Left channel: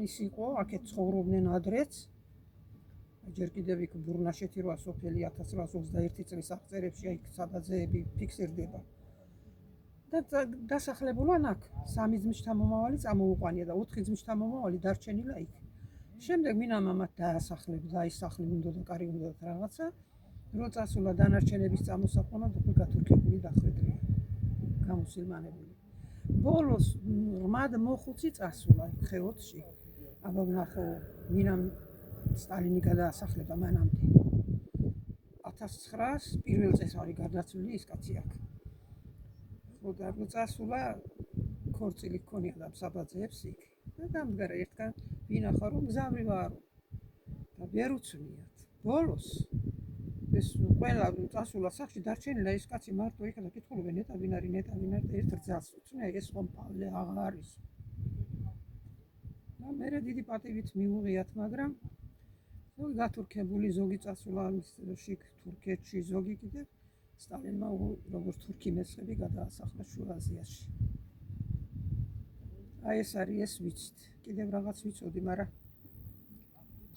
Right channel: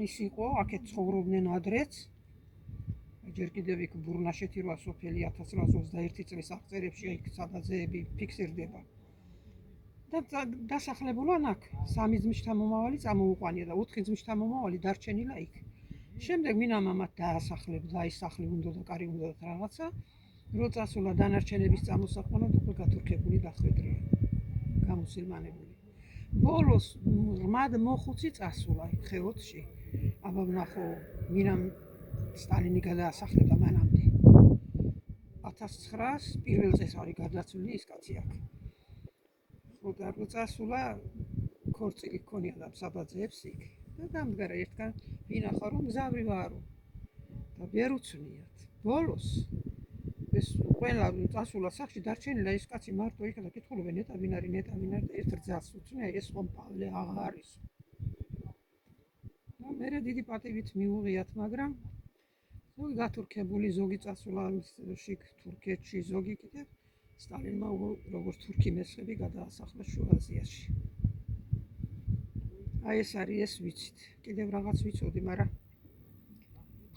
ის იყო, აქეთ ცხოვრობდნენ ადრეც. ჯერ კიდევ იქ ბურნაშეთი 8 სოფელი 1821 წლის აღწერებში იქ სადაძეები ფიქსირდება. და დასახლებულან აქ 3 ძმისთა მომავალი წამოუყვანია და 4 ძმისთა მომავალი დარჩენილა იქ. შემდეგ მინამა მათ დაასახლებდა, ის სახლი უნდა კარი უნდა რაღაცა. რო წასულა დანარჩენების წამოსაყვანად უკვე გათურქებული დახვედრია. გამოსილმანებული. ბოლოს რმად მოხუცი წასულა იქ ხეოთში. აბა ვნახო მინამ სტალინი გადაასახლება მანამდე. 1900 პირველ წელს არის გადაცვლილი ის კაცი აქ. და რო წასულა ქორწილი ჰქონია და საბაძეებს იქ. და დამდგარა ერთგან ვინახა რომ მგზავრი ვარო. და ვერ უცნიათ. ბოლოს ეს ყველა წასულა სახში დარჩენილა ის კაცი მარტო იქა და კითხულობენ ნეტა ვინ არის ერთ რძალს უცნია ეს ხომ პავლე აღარ არის. და მერე დიდი პატივით მიუღიათ, მაგრამ ზოგი გათურქებული, ზოგი წასულა შიგ თურქეთში, ზოგი კიდევ სტალინმა როგორც თურქი მესხები გადაასახლა შუა აზიაში. აი ეს არის ეს ვიცით. კიდევ რაღაც ვიცოდი, მაგრამ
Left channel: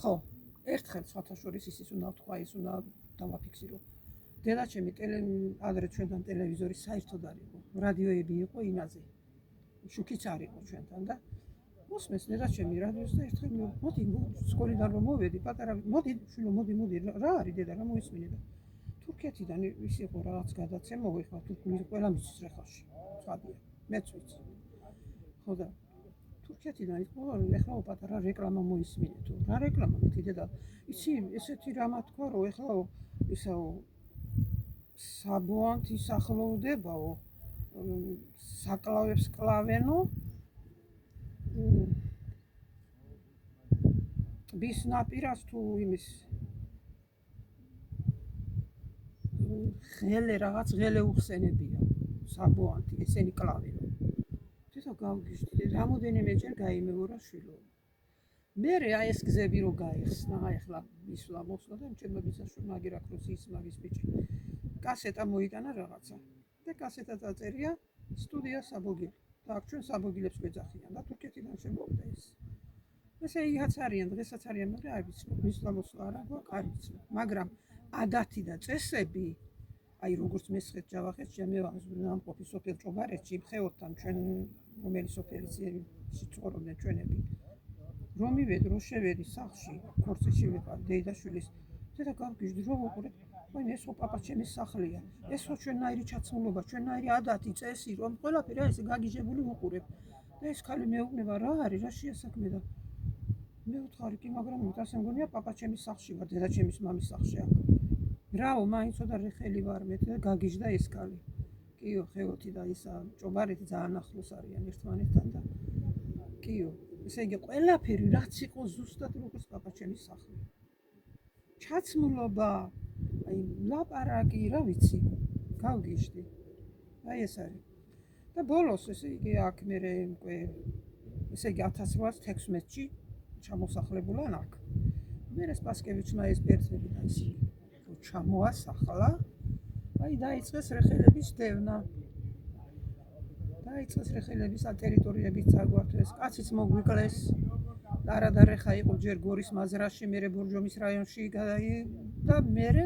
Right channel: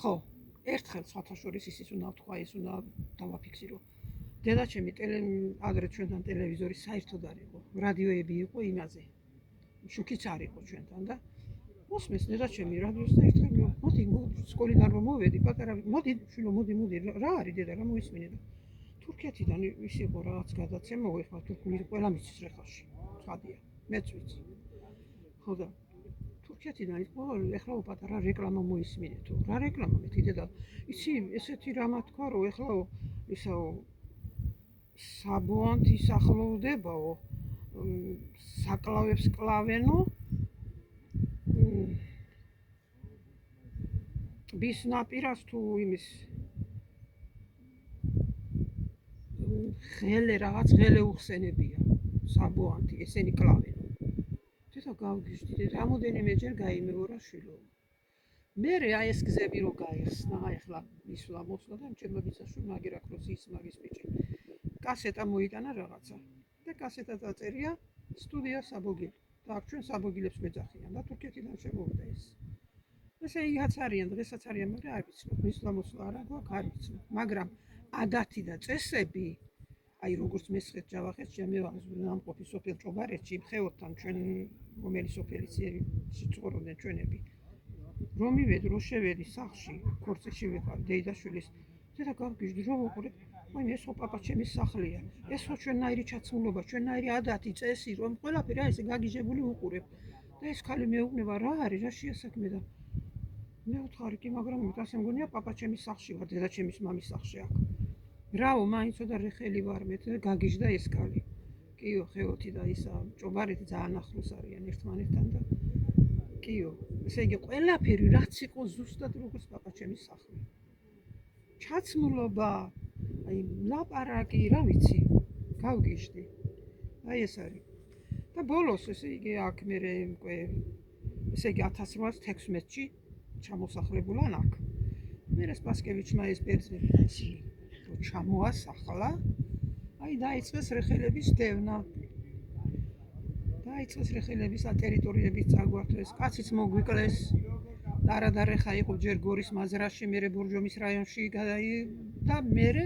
ხო, ერთხელ სხვათა შორის ისიც უნდა ვთქვა, ის უნდა დავაფიქსირო. დედაჩემი ადრე ჩვენთან ტელევიზორი საერთოდ არ იყო. რადიოები იყო იმაზე. შუქიც არ იყო ჩვენთან და მოსმეს დედაჩემი რადიოს და ერთხელ მოდი სკოლიდან რომ მოვედი, პატარა მოდი შვილო მოდი რა არის დედა რა მოისმინე და თურქეთიდან ის იყო რაღაც გადაცემა, ეხლა თურქული ყველა მისის რეხაში. ცხადია, მეც ვიცი. ხო და თურქეთიდან იყო ეხლა პატარა რეკლამა მოისმინეთო. რა რეკლამა მეთი დედა? იცი ესეთი რამა თქვა რომ ეხლა ისაო საბონთ ისახლოვდებაო საკლავებს კლავენო bis ნაპირას თუ იმის ღელე უხსენებია საბუანთი ესენი კლავენ. თვითონ გავგიჟდი რამოდენიმეჯერ გაიმეორა შვილო. მერე აი ეს გზები რო გაიხსნა, ახლა ისვლა მოსვლა და ჩემო ბიძაშვილი მაგერ აკროს ის მაგის ბიჭი. კასეტა მოიტანა რაღაცა და კასეტა დაწერია სტუდია საბოგილი. და აქ ჩვენ საბოგილებს გვეძახიან და თურქეთიდან შემოვიდა ეს. ესე იქაც არიან, დღესაც არიან, მაგრამ არ ვიცნობ, მისვლა მოსვლა არა გვაქვს, არ ვიცნობ. მაგრამ ადათი და წესები, აი როგორც მესხეთ ჯავახეთში, მე ვამყოფი სოფელ ჭობარეთში, ხეოთთან ჩვენ რომელი სოფელიც ცხოვრობდნენ ჩვენები. რომ მივედი, რომ შევედი სახლში, ქორწილში ვიყავ დეიდაშვილის, და გავგიჟდი რომ ვუყურე, ვაიმე ეს ხო პაპა ჩემის სახლია. ეს ხო ჩვენნაირი ჩაცმულობა, ჩვენნაირი ადათი, წესი, რომ ყველაფერი აი ესე გაგიჟებული ვუყურებ. და ეს ქალი მეუბნება რა არის, რა შეასაქმე და მე ვთხარი კი, მაგრამ ასე მგონია პაპა ჩემის სახლში ვარ, დედა ჩემის მამის სახლში აქ. ბრავო, მაინც და რეხელი ვარ მე და გაგიჟდა ეს ქალი. კიო, ხეოთი და ისა ჭობარეთი ძალიან ახლოს არიან ერთმანეთთან და კიო, ესე იგი ყველაფერი რაც იყო ზუსტად როგორც პაპა ჩემის სახლი. ჩაცმულობა, აი ლაპარაკი, რა ვიცი, გავგიჟდი. აი ეს არის. და ბოლოს ესე იგი აქ მე უკვე ესე იგი 1816-ში ჩამოსახლებულან აქ. მერე სპასკევიჩმა ეს ბერძნები და ისინი რომ ჩამოასახლა, აი დაიწყეს რეხელების დევნა. დაიწყეს რეხელების ტერიტორიების წაგვართვეს, კაციც მოგვიკლეს. არადარეხა იყო ჯერ გორის მაზრაში, მერე ბორჯომის რაიონში და მერე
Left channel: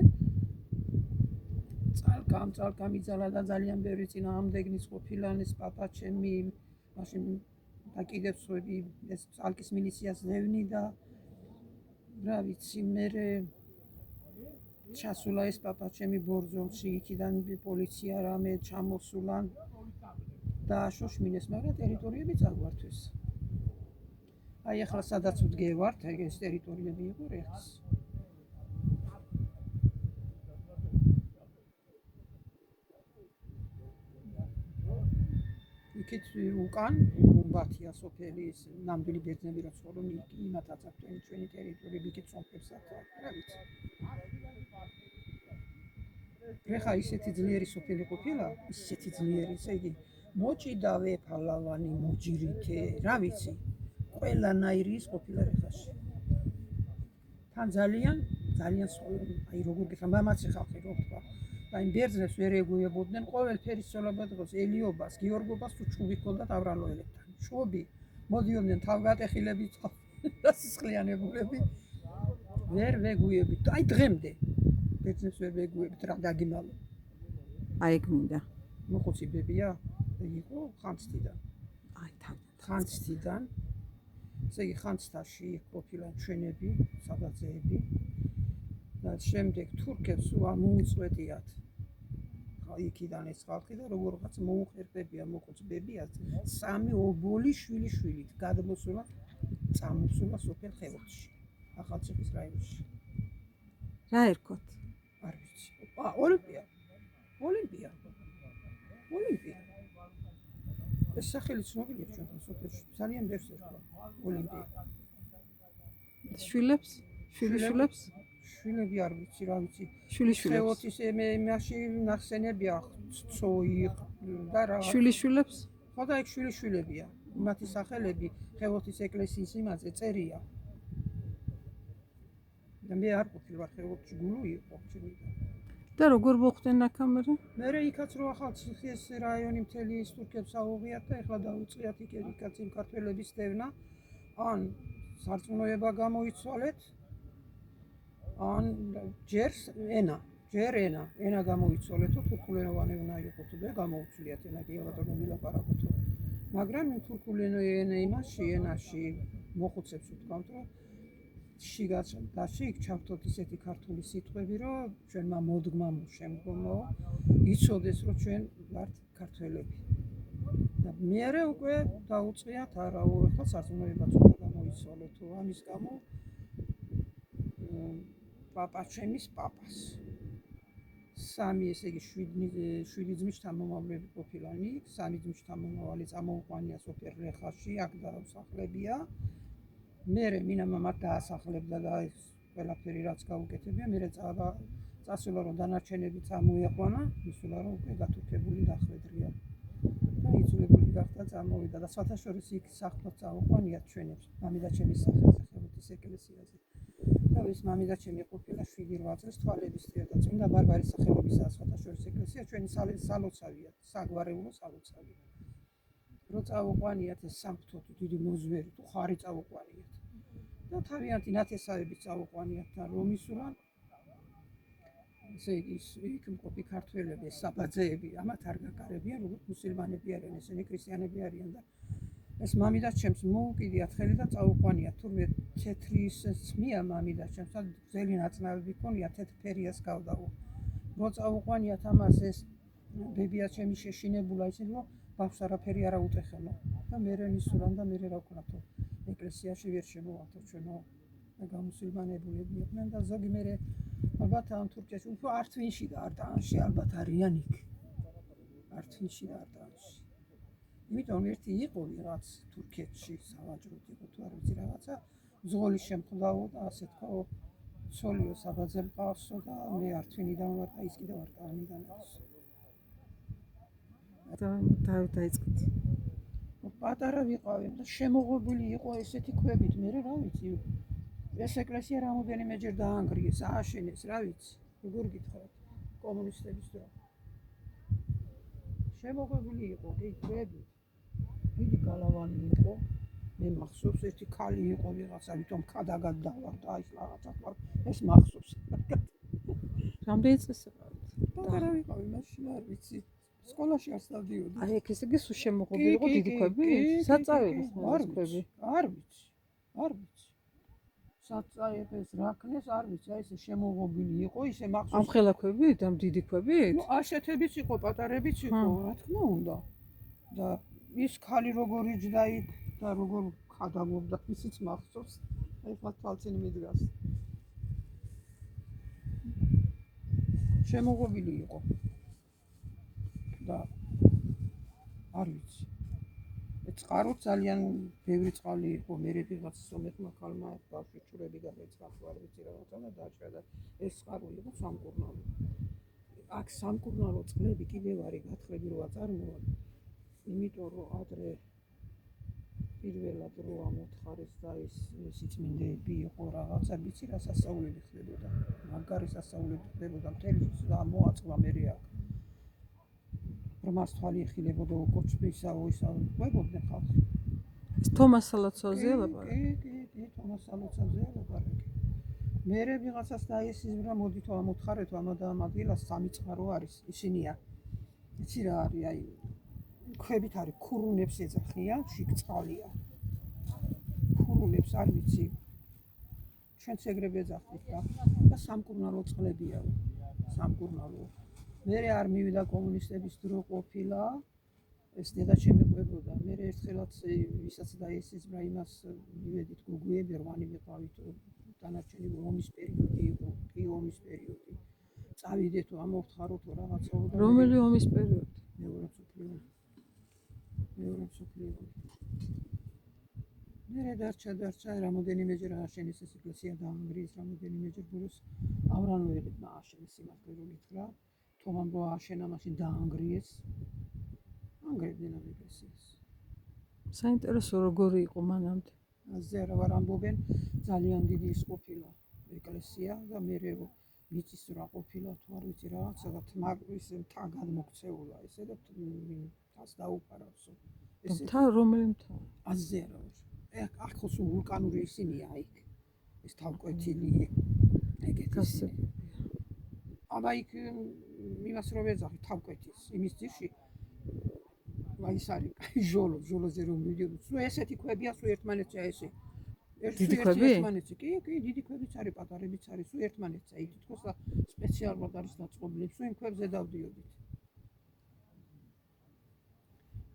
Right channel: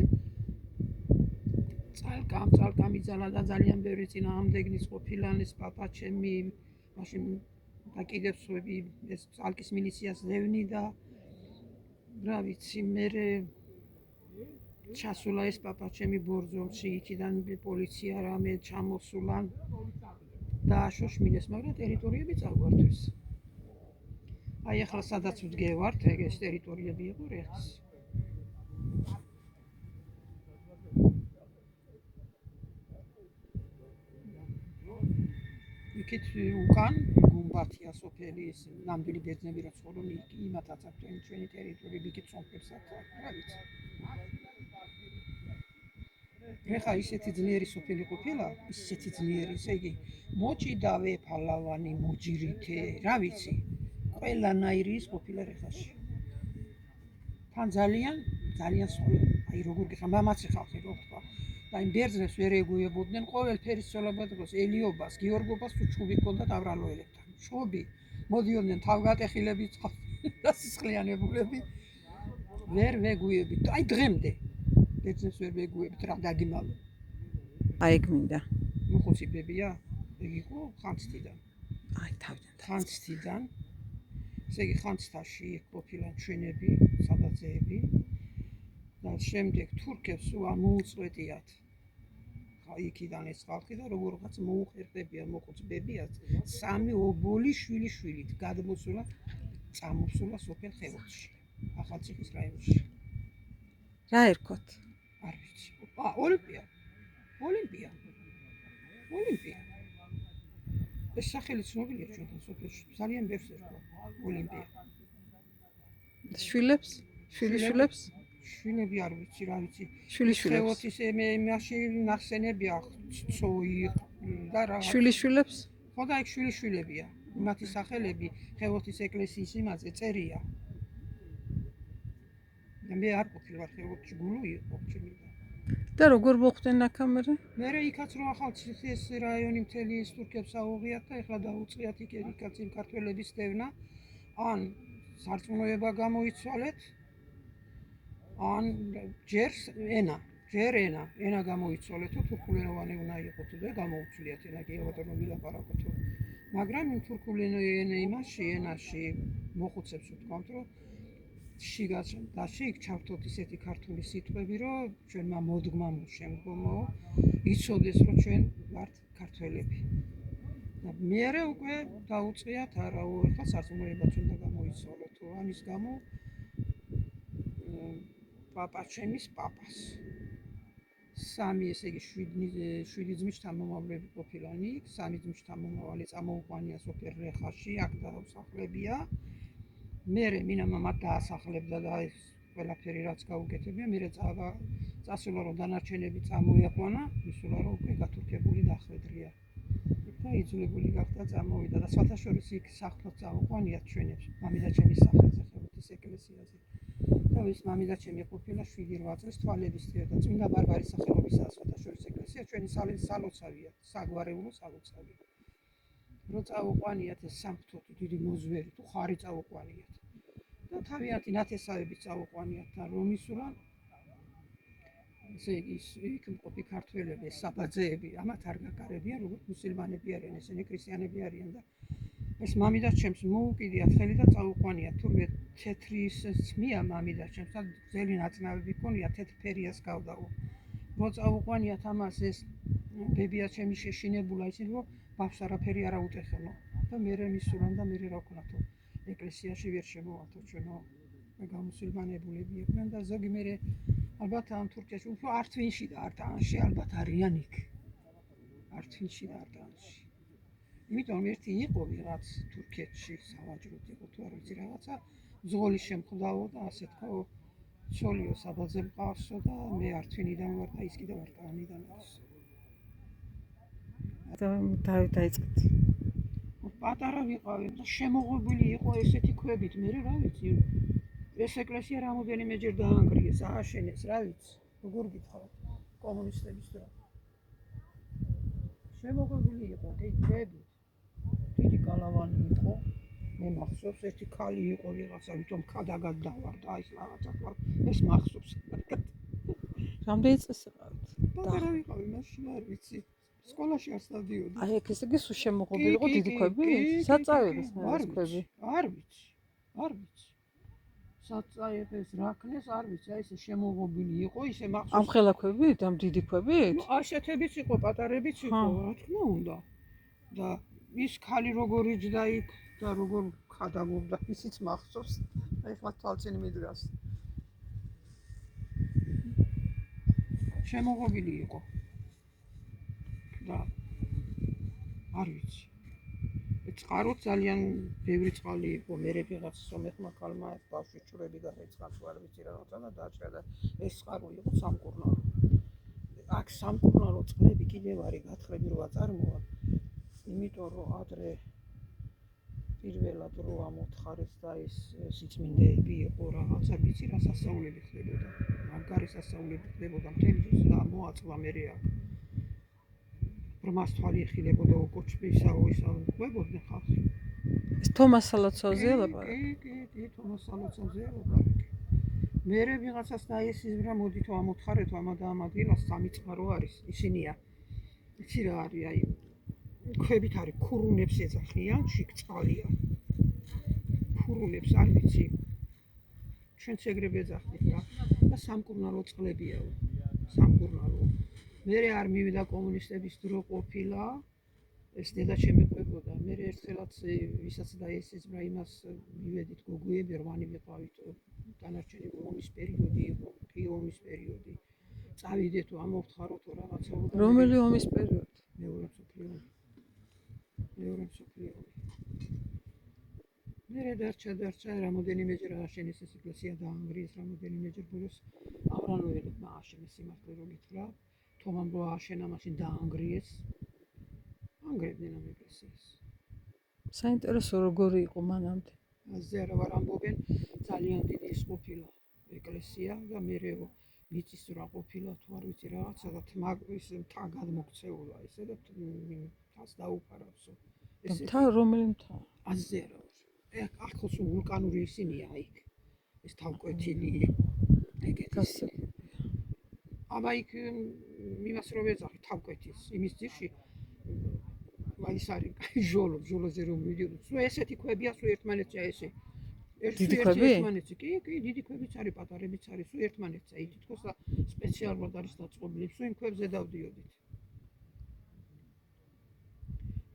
წალკამ იძალა და ძალიან ბევრი წინააღმდეგნის ყოფილანის პაპა ჩემი მაშინ და კიდევ სხვები ეს წალკის მილიციას ზევნი და რა ვიცი მერე ჩასულა ეს პაპა ჩემი ბორჯომში იქიდან პოლიცია რამე ჩამოსულან და აშოშმინეს, მაგრამ ტერიტორიები წაგვართვეს. აი ახლა სადაც ვდგევართ, ეს ტერიტორიები იყო რეხს. იქით უკან გუმბათია სოფელი, ეს ნამდვილი ბერძნები რაც ცხოვრობენ, იმათაც აქვს ჩვენი ტერიტორიები, იქით სომხებსაც აქვს, რა ვიცი. რეხა ისეთი ძლიერი სოფელი ყოფილა, ისეთი ძლიერი, ესე იგი მოჭიდავე ფალავანი, მოჯირითე, რა ვიცი. ყველანაირი ის ყოფილა რეხაში. თან ძალიან აი როგორ გიხარ, მამაცი ხალხი რო ვთქვა. და იმ ბერძნებს ვერ ეგუებოდნენ, ყოველფერი ცოლობა დღეს ელიობას, გიორგობას თუ ჩუბი ჰქონდათ აბრალოელებთან. ჩუბი მოდიოდნენ თავგატეხილები და სისხლიანებულები. ვერ ვეგუებით. აი დღემდე ბერძნებს ვერ ვეგუებით რა დაგიმალო. აი გმინდა. მოხუცი ბებია, ეგ იყო ხანძთიდან. აი თავიდან. ხანძთიდან. ესე იგი ხანძთაში ყოფილან ჩვენები, საბაძეები და შემდეგ თურქებს მოუწყვეტიათ. იქიდან ეს ხალხი და როგორღაც მოუხერხებია მოხუც ბებიას 3 ობოლი შვილიშვილით გადმოსულა წამოსულა სოფელ ხევოთში. ახალციხის რაიონში. რა ერქოთ? არ ვიცი. ოლიმპია. ეს სახელი ცნობილია ჩვენთან სოფელში. ძალიან ბევრს ერქვა ოლიმპია. შვილებს? შვილიშვილებს? შვილები არ ვიცი, რა ვიცი. შვილიშვილებს. ხევოთის მაშინ ნახსენებია ცოი და რა. შვილიშვილებს? ხო და ეგ შვილიშვილებია. მათი სახელები ხევოთის ეკლესიის იმაზე წერია. მე არ ყოფილვარ ხევოთში, გულო იყო ჩინიდან. და როგორ მოხვდნენ აქამდე? მე იქაც რო ახალციხის რაიონი მთელი ის თურქებს აუღიათ და ეხლა დაუწყიათ იქაც იმ ქართველების დევნა. ან სარწმუნოება გამოიცვალეთ, ან ჯერ ენა გამოიცვალეთო, თურქულენოვანი უნდა იყოთ და გამოუცვლიათ ენა კი ალბათ რომ ვილაპარაკოთ. მაგრამ იმ თურქულენოვანი ენაში მოხუცებს ვთქვამთ, რომ შიგ ჩავთოთ ისეთი ქართული სიტყვები, რომ ჩვენმა მოდგმამ შემდგომო იცოდეს, რომ ჩვენ ვართ ქართველები. და მერე უკვე დაუწყიათ არაო, ეხლა სარწმუნოებაც უნდა გამოიცვალოთ, ამის გამო პაპაჩემის პაპას. 3 ესე იგი 7 ძმის შთამომავლები ყოფილან იქ, 3 ძმის შთამომავალი წამოუყვანია სოფელ რეხაში, აქ დაუსახლებია. მერე მინამამად დაასახლებდა და ეს ყველაფერი რაც გაუკეთებია, მერე წასულა რომ დანარჩენები წამოიყვანა, ისულა რომ უკვე გათურქებული დახვედრია. და იძულებული გახდა წამოვიდა და სათავშორის იქ სახლად წამოყვანიათ ჩვენებს, მამიდაჩემის სახელზე ხევოთის ეკლესიაზე. და ეს მამიდაჩემი ყოფილა 7-8 წლის თვალებისწია და წმინდა ბარბარის სახელობისაა სათავშორის ეკლესია, ჩვენი სალოცავია, საგვარეულო სალოცავი. რო წაუყვანიათ ეს სამღვთო დიდი მოზვერი თუ ხარი წაუყვანიათ. და თავიანთი ნათესავების წაუყვანიათ და რომ ისურან ესე იგი იქ მყოფი ქართველები, საბაძეები, ამათ არ გაკარებიან, როგორც მუსლიმანები არიან, ესენი ქრისტიანები არიან და ეს მამიდაჩემს მოუკიდიათ ხელი და წაუყვანიათ. თურმე თეთრი სმია მამიდაჩემს და ძელი ნაწნავები ქონია, თეთრფერიას გავდაო. რო წაუყვანიათ ამას ეს ბებიაჩემი შეშინებულა ისინი რომ ბავშვს არაფერი არ აუტეხენო და მერე მისურან და მერე რა ვქნათო ეკლესიაში ვერ შემოვართო ჩვენო გამუსილმანებულები იყვნენ და ზოგი მერე ალბათ ამ თურქეთში უფრო ართვინში და არტანში ალბათ არიან იქ. ართვინში და არტანში. იმიტომ ერთი იყო ვიღაც თურქეთში სავაჭროდ იყო თუ არ ვიცი რაღაცა ზღოლის შემხდაო და ასე თქვა ცოლიო საბაძე მყავსო და მე ართვინიდან ვარ და ის კიდევ არტანიდან არის. დავით დაიწყეთ. პატარა ვიყავი და შემოღობილი იყო ესეთი ქვებით, მე რა ვიცი. ეს ეკლესია რამოდენიმეჯერ დაანგრიეს, ააშენეს, რა ვიცი. როგორ გითხრათ კომუნისტების დრო. შემოღობილი იყო კი ქვებით. დიდი გალავანი იყო. მე მახსოვს ერთი ქალი იყო ვიღაცა, ვითომ ქადაგად დავარდა, აი რაღაცა თქვა, ეს მახსოვს. რამდენი წელი იყავით? პატარა ვიყავი, მაშინ არ ვიცი. სკოლაში არ დავდიოდი. აი ეგ ესე იგი სულ შემოღობილი იყო დიდი ქვები? საწავების ქვები? არ ვიცი. საწავების რაკნეს არ ვიცი, აი ესე შემოღობილი იყო, ისე მახსოვს. ამ ხელა ქვებით, ამ დიდი ქვებით? ნუ ასეთებიც იყო, პატარებიც იყო, რა თქმა უნდა. და ის ქალი როგორ იჯდა იქ და როგორ ხადაგობდა, ისიც მახსოვს. აი ხა თვალწინ მიდგას. შემოღობილი იყო. და არ ვიცი. წყარო ძალიან ბევრი წყალი იყო, მერე ვიღაც სომეხმა ქალმა ბავშვი ჭურები გადაიწყა, არ ვიცი რაღაცა და დაჭრა და ეს წყარო იყო სამკურნალო. აქ სამკურნალო წყლები კიდევ არის გათხრები როა წარმოა. იმიტომ რომ ადრე პირველად რო ამოთხარეს და ეს სიწმინდეები იყო რაღაცა, ვიცი რა სასწაულები ხდებოდა. მაგარი სასწაულები ხდებოდა მთელი და მოაწყლა მერე აქ. რომას თვალი ეხილებოდა უკოჩბისაო ისაო ყვებოდნენ ხალხი. ეს თომას სალოცავზეა ლაპარაკი. კი, თომას სალოცავზეა ლაპარაკი. მერე ვიღაცას დაესიზმრა, მოდით ამოთხარეთ ამა და ამ ადგილას სამი წყარო არის. ისინია. იცი რა არის, აი ქვებით არის ქურუნებს ეძახიან, შიგ წყალია. ქურუნებს არ ვიცი. ჩვენც ეგრევე ეძახით რა. და სამკურნალო წყლებია. სამკურნალო. მერე არ მივიდა კომუნისტების დრო ყოფილა. ეს დედა შემეყვებოდა. მერე ერთხელაც ვისაც დაესიზმრა იმას მივედით გოგუები, რვანი ვიყავით. დანარჩენი ომის პერიოდი იყო, კი ომის პერიოდი. წავიდეთ ამოვთხაროთ რაღაცა. რომელი ომის პერიოდი? მეორე მსოფლიო. მერე დარჩა რამოდენიმეჯერ ააშენეს ეს ეკლესია დაანგრიეს რამოდენიმეჯერ ბოლოს ავრანოელებმა ააშენეს სიმართლე რომ გითხრა. თომამ რო ააშენა მაშინ დაანგრიეს. ანგრევდნენ ამ ეკლესიას. საინტერესო როგორი იყო მანამდე. ასე რა ვარ ამბობენ ძალიან დიდი ის ყოფილა ეკლესია და მერე მიწის რა ყოფილა თუ არ ვიცი რაღაცა და თმა ის მთა გადმოქცეულა ესე და თას დაუფარავსო ესე მთა რომელი მთა? ასე რა ახალს ვულკანური ისინია იქ ეს თავკვეთილი ეგეთი აბა იქ იმას რო ვეძახი თავკვეთის იმის ძირში ის არის ჟოლოზე რომ მიდიოდოთ. სულ ესეთი ქვებია, სულ ერთმანეთსა ესე. დიდი ქვები? ერთმანეთსა. კი, დიდი ქვებიც არის, პატარებიც არის, სულ ერთმანეთსა. ის თითქოს სპეციალურად არის დაწყობილი. სულ იმ ქვებზე დავდიოდით.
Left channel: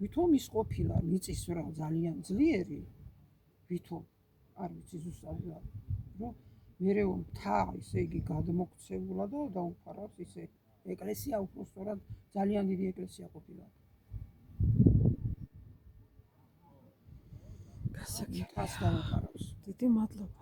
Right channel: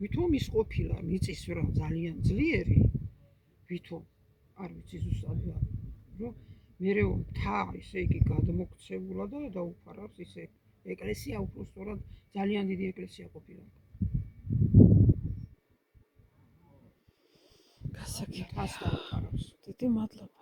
ვითომ ის ყოფილა მიწის რა ძალიან ძლიერი. ვითომ არ ვიცი ზუსტად რა. რომ მერე მთა ესე იგი გადმოქცეულა და დაუფარავს ისე ეკლესია უბრალოდ ძალიან დიდი ეკლესია ყოფილა. გასაგებია. თას დაუფარავს. დიდი მადლობა.